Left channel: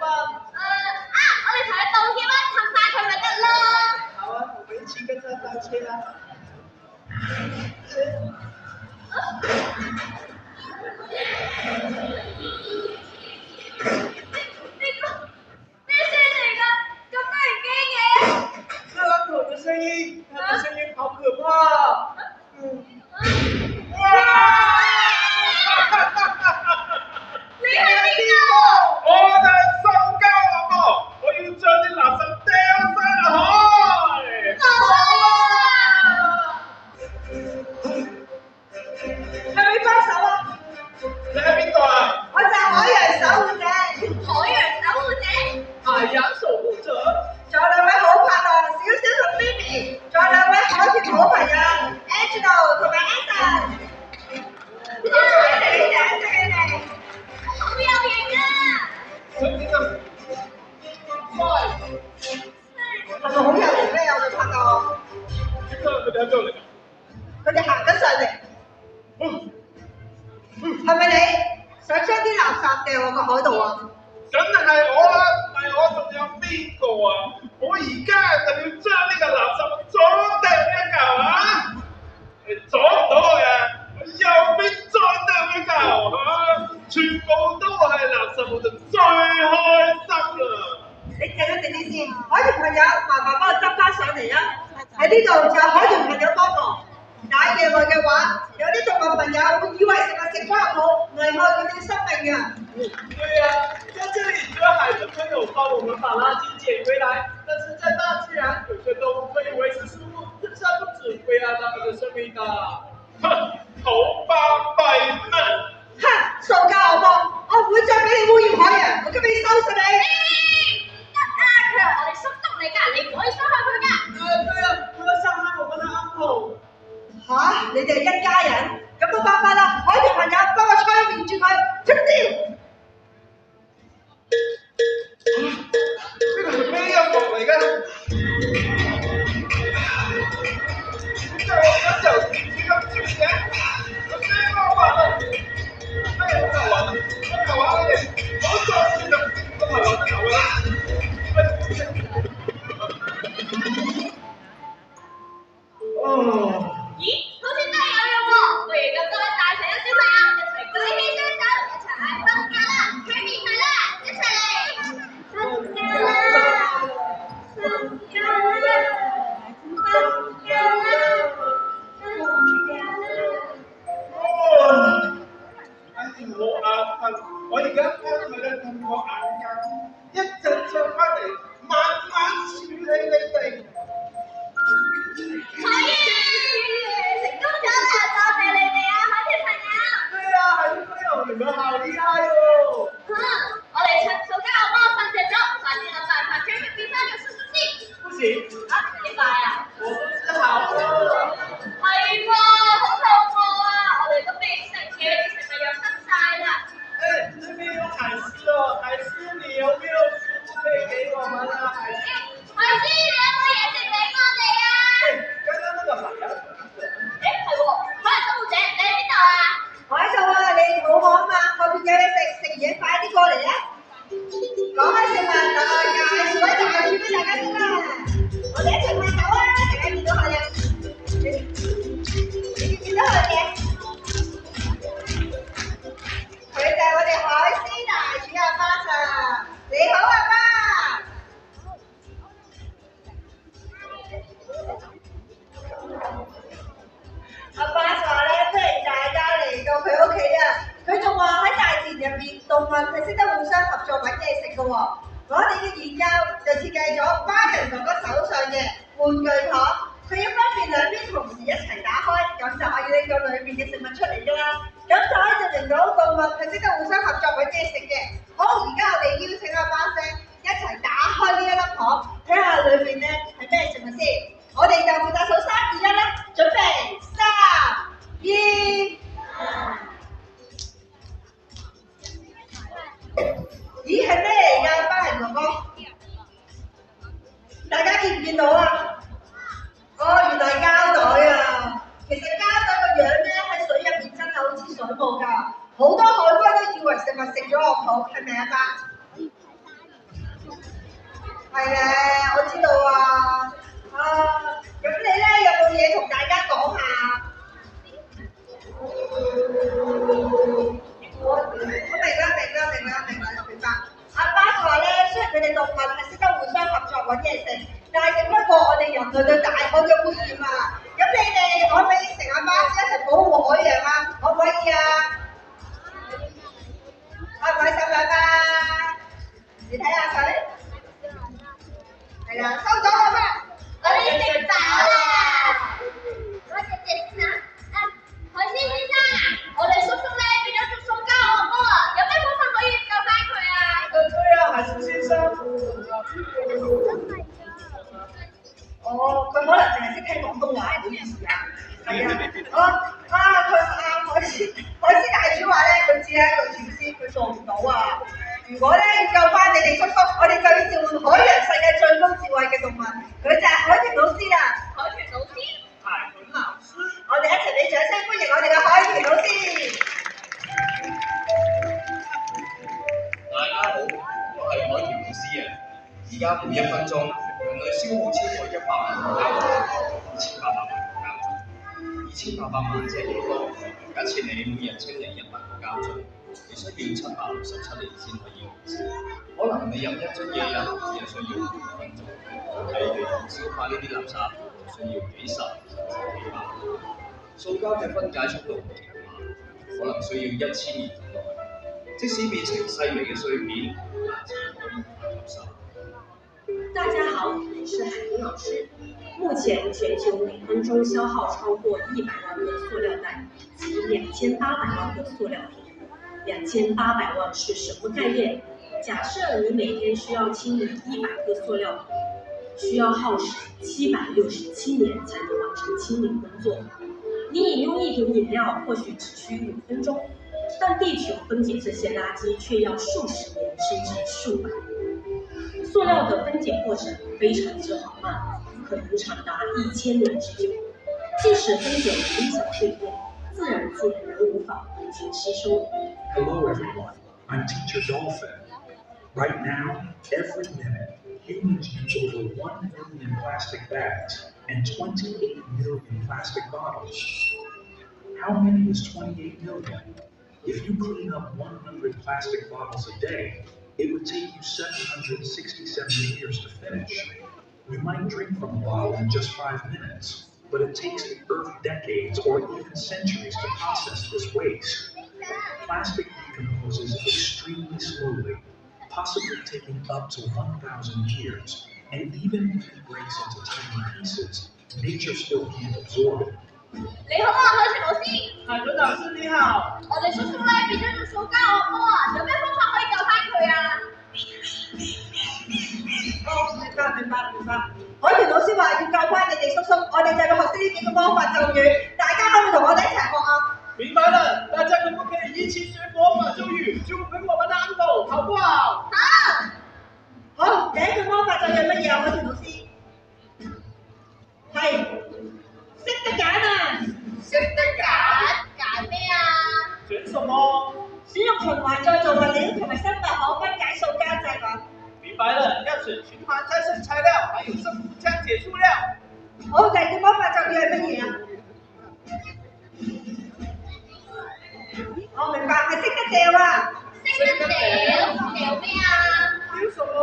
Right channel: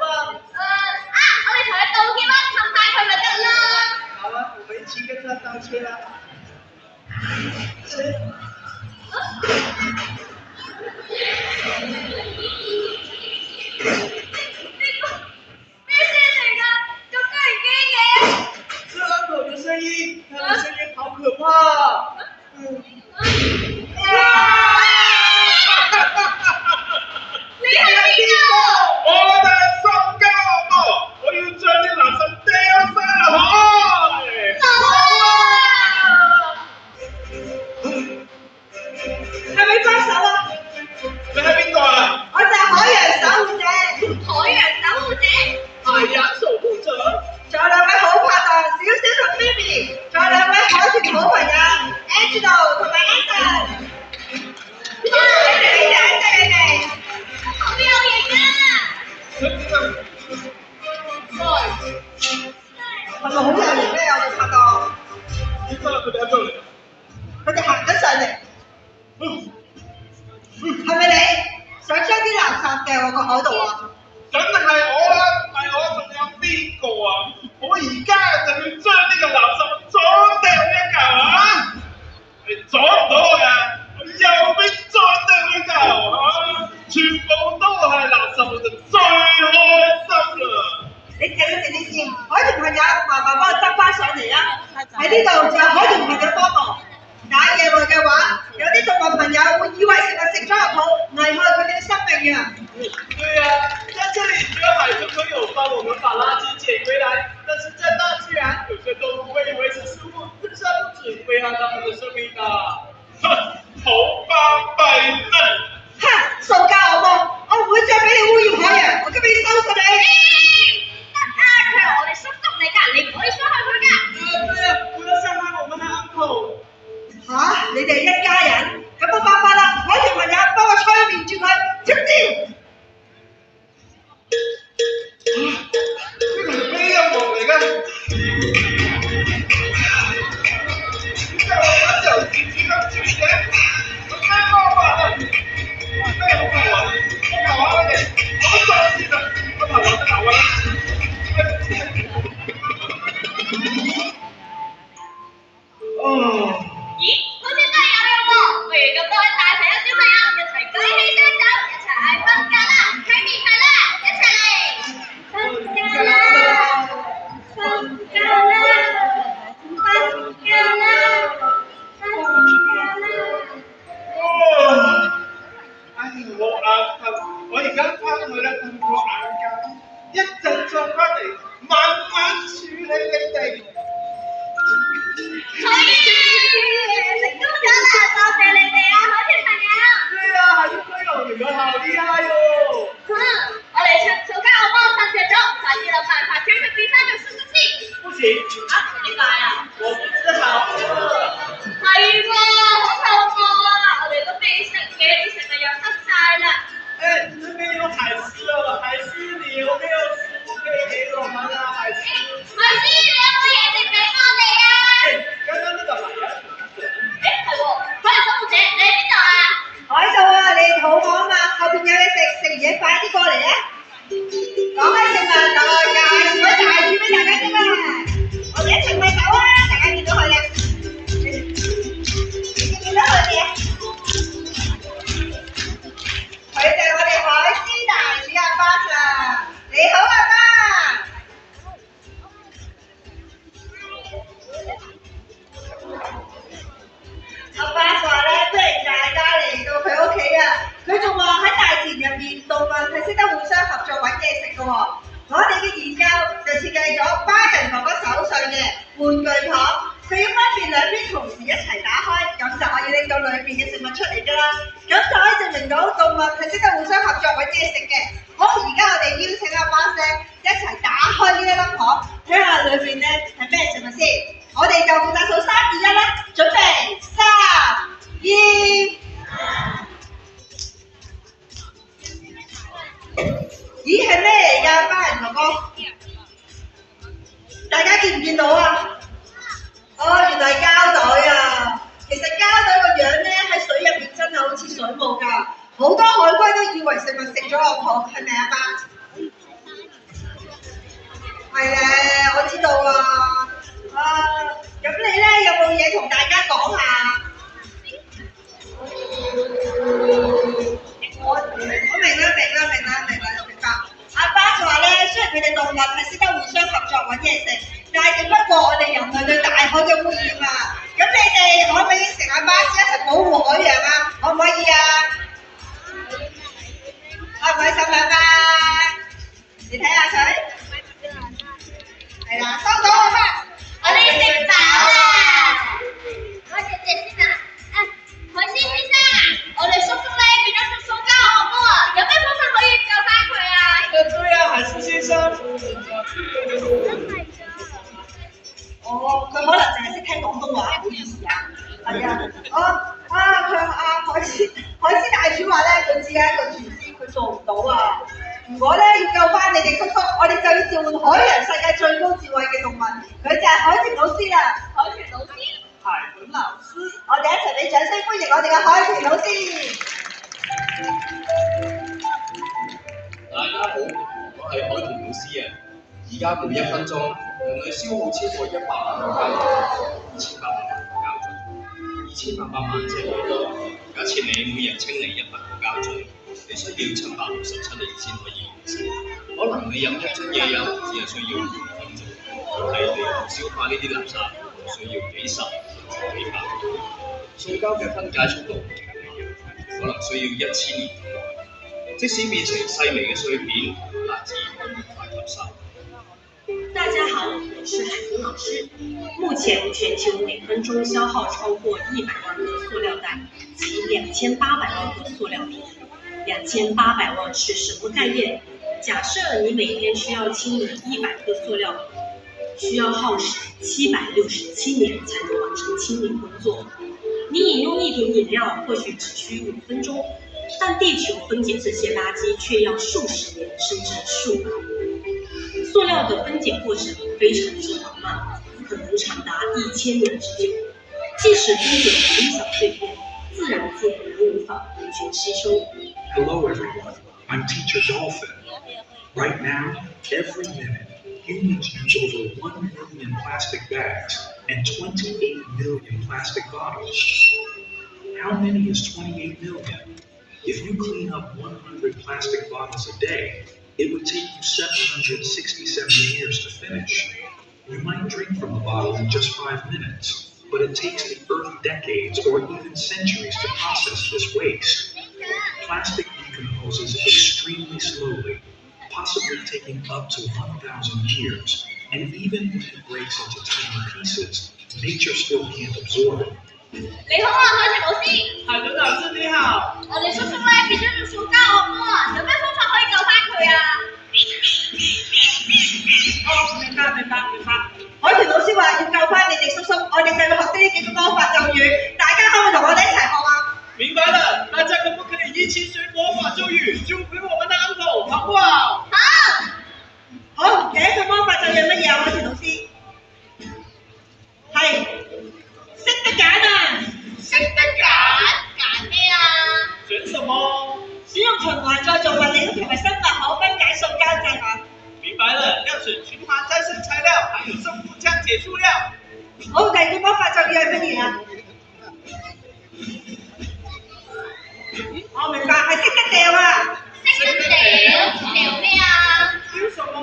我哋同佢道歉啦，氹返佢咪得咯。好啊，我們一起跟他道歉啦。咩聲嚟㗎？咁多人驚嘅？是uncle的聲音，他的聲音好可怕。你係邊個？我就係塑膠阿婆，我要將啲垃圾掉晒落海。係咪幫手啊？你係邊個啊？我就係海洋守護者，海洋守護者。海洋守護者。仲有兩位好拍檔，小小同 Phoebe，仲有兩位海豚好朋友 Angelo 同埋 Anson。多謝你哋，好有型啊！係咪好有型咧？我哋拍檔，點解佢哋喺邊度嚟？佢哋行緊上嚟，係咪你想將啲垃圾掉落個海度啊？梗係我啦，唔係我仲有邊個啊？我而家就要將呢個垃圾左掉一嚿啊！你阻唔到我㗎，我右邊再掉一嚿啊！全部都係垃圾，我就最開心啦！你靜一靜啲先，海豚朋友，麻煩幫我執翻上嚟啊！喺呢度就有海豚朋友幫我。打野外嘅話，有啲動物朋友會以為食物食咗入肚，危害佢哋嘅生命啊！對呀，在這裡只有海豚朋友幫我們把垃圾撿回來，但是在大自然，有些動物會以為是食物，這下不止危害它們的生命的。哼，好巴閉啦！哼，塑膠惡魔，我唔會再俾你污染海洋，我今日要收拾你！佢係我哋叔叔嚟㗎，你唔可以傷害佢㗎。對呀，不要傷害我們的 uncle。嚇，你哋一家人，咁冇辦法啦！海豚朋友幫我催眠住佢，出招！呢個係咩音樂嚟㗎？點解我嗰時候自己咁轉嘅？有咩方法啊？咩好頭暈？我頭暈你哋，我再先啦，我頭暈啦。哦。咦，好似真係有用喎！不如咁多位大朋友小朋友一齊舉起雙手，一齊嗌分家啦，睇面係啦，一齊嚟！分家啦，分家啦，分家啦，分家啦！哦，唉，我眼瞓，我而家翻去咧瞓個眼覺，一陣再翻嚟慢慢處理你哋。好嘢！成功咗啦，多謝你哋啊，海豚朋友！對呀，海豚朋友，你們好厲害哦！我哋塑膠惡魔瞓着咗，快啲諗辦法將佢變翻做叔叔先。不行，點解啊？我不是好餓。係喎，好肚餓啊！我哋都未食嘢，啲食物又濕晒啦。哎，這邊有海獅哦，海獅，你有沒有食物可以給我們啊？海獅。海獅，你有冇嘢食俾我哋啊？剛剛那個海洋。係喎，海洋守護者，你喺邊度啊？我喺度啊，你肚餓啊嘛，後邊有嘢食，食完嘢快啲過嚟啊！講起食物，就介紹位大廚俾大家識啦。我哋一齊喂狗啊！大家見到佢咧，你見到佢哋啊？佢就係我哋海獅大廚阿巴 Sir，你好阿巴。阿巴話咧，歡迎大家嚟到佢屋企啊！佢仲話喺大自然入面，動物係識得互相合作揾嘢食嘅喎。我哋嘅研究就設計咗巴人哥哥手上嘅玩具糖，佢要方便兩邊同時一齊打開，咁就可以拎到裏面嘅食物出嚟㗎啦。咁就可以證明到動物係識得互相合作揾嘢食嘅。好，而家我哋邀請阿巴 Sir 一齊打開呢一粒糖，睇下裏面咧係咩食物先。我哋就負責數3、2、1啦，準備3、2。咦，係咩嚟㗎，巴人哥哥？大家見唔見到啊？哦，原來係膠袋啊！其實膠袋個樣咧喺水入面真係好似水母㗎，好多海龜都以為食物食咗落肚，係咪啊，巴？係咧，我知道啊。咁你咧有冇嘢同大家講下？我明白。阿巴就話咧，雖然佢哋動物係識得互相合作揾嘢食，但係只不過我哋人類對大海嘅污染啊！咁你哋可唔可以成阿巴士一齊保護海洋啊？可唔可以啊？開唔開心啊？你睇下佢，係啦，收到啊嘛！我哋食飽啦！我姐姐先啊！海鮮先生，我哋叔叔咧變咗做塑膠惡魔啊！有咩方法可以救翻佢啊？对呀，海狮先生。哦，佢可能淨係識聽廣東話，唔好意思啊。係啊，海獅大廚話咧，佢只係一個廚師，佢做唔到啊。如果咧要救翻你哋叔叔，我哋就要召喚海洋世界最高智慧嘅動物，佢就係海豚老師啦。海豚老師，海豚老師，我哋一齊俾掌聲歡迎我哋嘅海豚老師。大家好，我係海豚老師啊！而家每1分鐘，人類消耗超過100萬個膠樽，2800萬個膠樽，2800萬即係幾多？假設你每日清理100個膠樽，你需要767年先可以完成。可能你飲1樽嘢飲只係需要5分鐘，但係你消化呢啲垃圾需要幾十甚至幾百年。塑膠嘅分解速度唔同嘅樣，可能需要1000年咁耐。即使變成細微嘅碎片，大自然都無法吸收。大家好，我是海豚老師。目前全球每分鐘消耗超過100萬個塑料袋及2800萬個塑料瓶。2800萬是什麼概念？假設你每天需要清理100個塑料瓶，需要耗時767年才能完成清理工作。你飲用一瓶飲料或許只需5分鐘，但地球分解這些垃圾卻要數十年甚至數百年。塑料的分解過程非常之緩慢，可能長達1000年之久。即使分解成小碎片，自然界仍無法完全吸收。Hello everyone, I'm Teacher Dolphin. Right now, every minute, humans use over 1 million plastic bags and 28 million plastic bottles. How many is 28 million? If you clean up 100 plastic bottles a day, it would take you 767 years to finish. You might drink from a bottle in just 5 minutes, but it takes the Earth decades or even centuries to process this waste. Plastic decomposes extremely slowly, possibly taking up to 1,000 years, and even if it breaks into tiny pieces, nature still can't absorb it. 你好啊，海豚老師。海豚老師你好。我哋叔叔咧變咗做塑膠惡魔啊！有咩方法可以救翻佢啊？明白。海豚老師話要救翻你哋叔叔，我哋就要學識呢幾個魔法咒語，大家可唔可以同我哋一齊學啊？明白了，大家可不可以一起學魔法咒語，就陪我們的 uncle，好不好？好，第一個魔法咒語係乜嘢啊？海豚老師係識得揀啊！識得揀咩啊？選什麼？使用循環再造物料同埋生物可分解塑膠製品。明白了，要選循環再生材料，還有生物降解塑料。好，第二個魔法咒語係乜嘢啊？我明白，係識得掉啊！識得掉咩啊？丟什麼？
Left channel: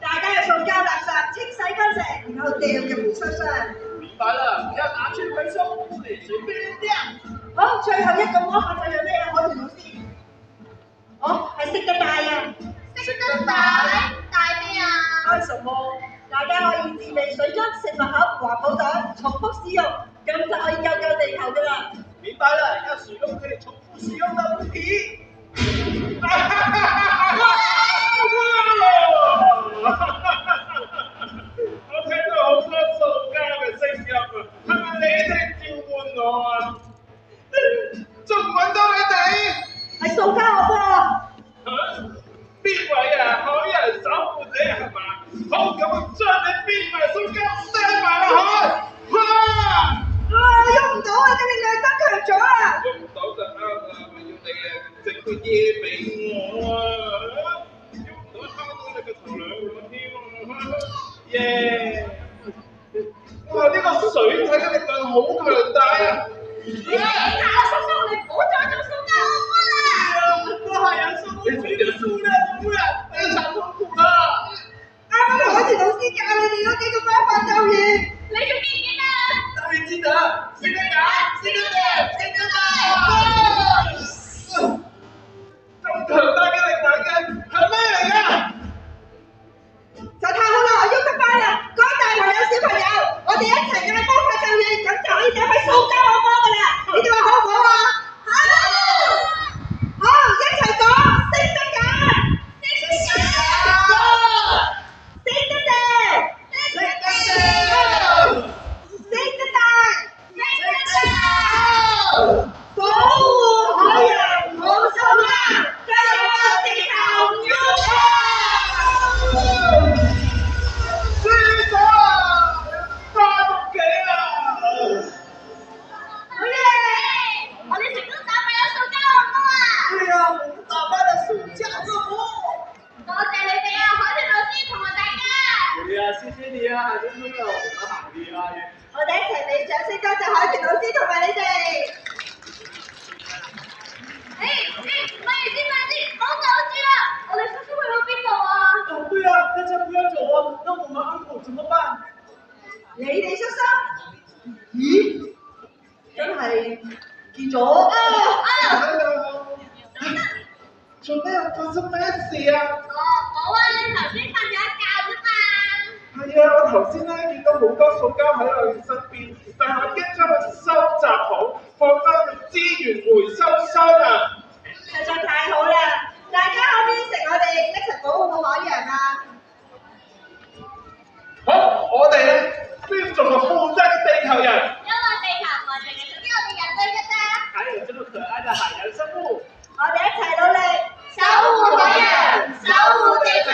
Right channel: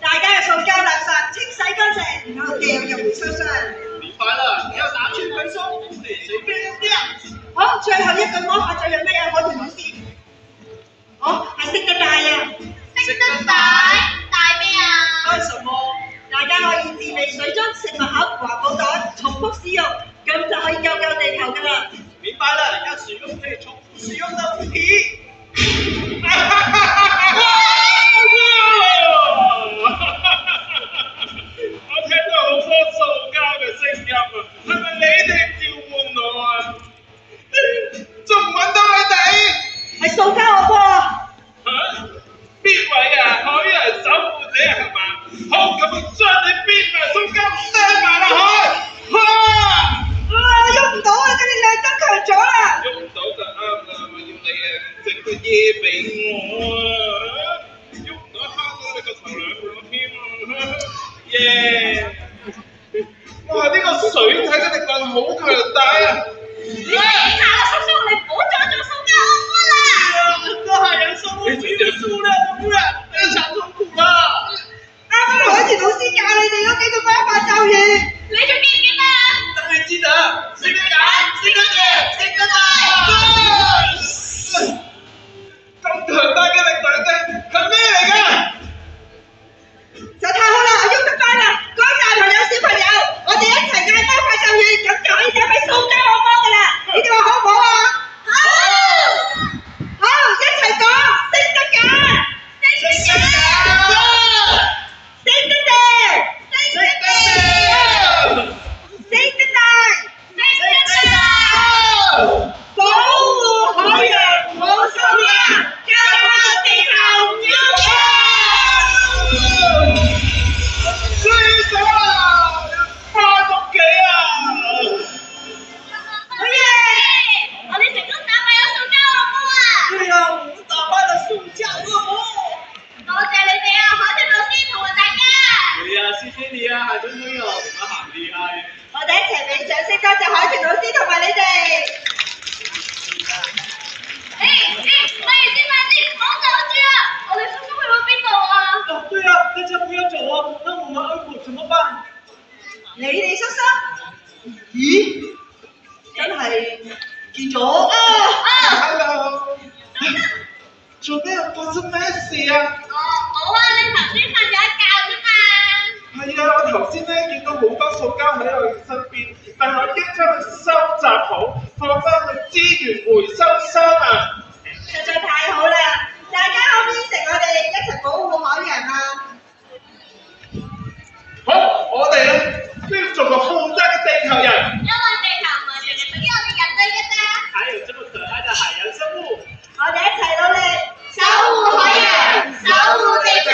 大家嘅塑膠垃圾清洗乾淨，然後掉入回收箱。明白了，要拿去回收，不可以隨便扔掉。好，最後一句魔法咒係咩啊？海豚老師，好，係識得帶啊！識得帶咩啊？帶什麼？大家可以自備水樽、食物盒、環保袋，重複使用，咁就可以救地球噶啦。明白了，要使用可以重複使用的物品。我聽到好多塑膠嘅聲音啊，係咪你哋召喚我啊？仲唔揾到你哋？係塑膠惡魔啊！邊位啊？海洋守護者係嘛？好，咁將你邊埋塑膠掟埋落去。喐唔到啊！個力量增強咗啦！喐唔到就啱啦，我要你啊整個嘢俾我啊！喐唔到蝦到你個頭兩個添啊！好強大啊！你停下啦，叔叔，你唔好再做塑膠惡魔啦！这海洋生物体的数量的污染非常痛苦了。啱啱海豚老師教你哋嗰幾個方法咒語，你仲記唔記得啊？当然记得，是个敢，是个对，是个大。咁強大嘅力量嘅係咩嚟㗎？就太好啦，我喐得翻啦！各位大朋友、小朋友，我哋一齊嗌魔法咒語，咁就可以打敗塑膠惡魔噶啦！你哋話好唔好啊？好，一齊講，識得㗎，識得㗎，識得嘅，識得嘅，識得嘅，保護海洋冇數量，救救地球唔要輸咗啊！翻屋企啊！好嘢！我哋成功打敗咗塑膠惡魔啊！对呀，我们打败了塑胶恶魔。多謝你哋啊，海豚老師同埋大家。对呀，謝謝你啊，海豚朋友，你們好厲害。我哋一齊俾掌聲多謝海豚老師同埋你哋。咪住先，唔好走住啊！我哋叔叔去到邊度啊？哦，对呀，大家不要走啊，那我們安可怎麼辦？你哋叔叔？咦？真係見咗啊！ Hello，做咩發生咩事啊？冇啊，你頭先瞓咗一覺啫嘛。係啊，我頭先咧見到好多塑膠喺我身邊，但係我已經將佢收集好，放翻去資源回收箱啊！實在太好啦！大家可唔可以應承我哋一齊保護海洋啊？好，我哋咧都要做個負責嘅地球人。因為地球唔係淨係屬於我哋人類嘅咋。還有這麼可愛的海洋生物。我哋一齊努力，守護海洋，守護地球。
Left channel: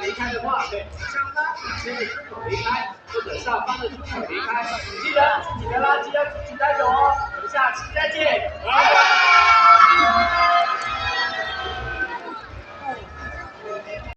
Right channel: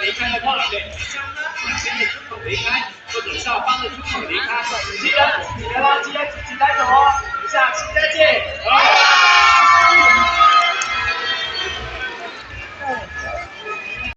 离开的话，可以从上方两边的出口离开，或者下方的出口离开。记得你的垃圾要自己带走哦。我们下期再见。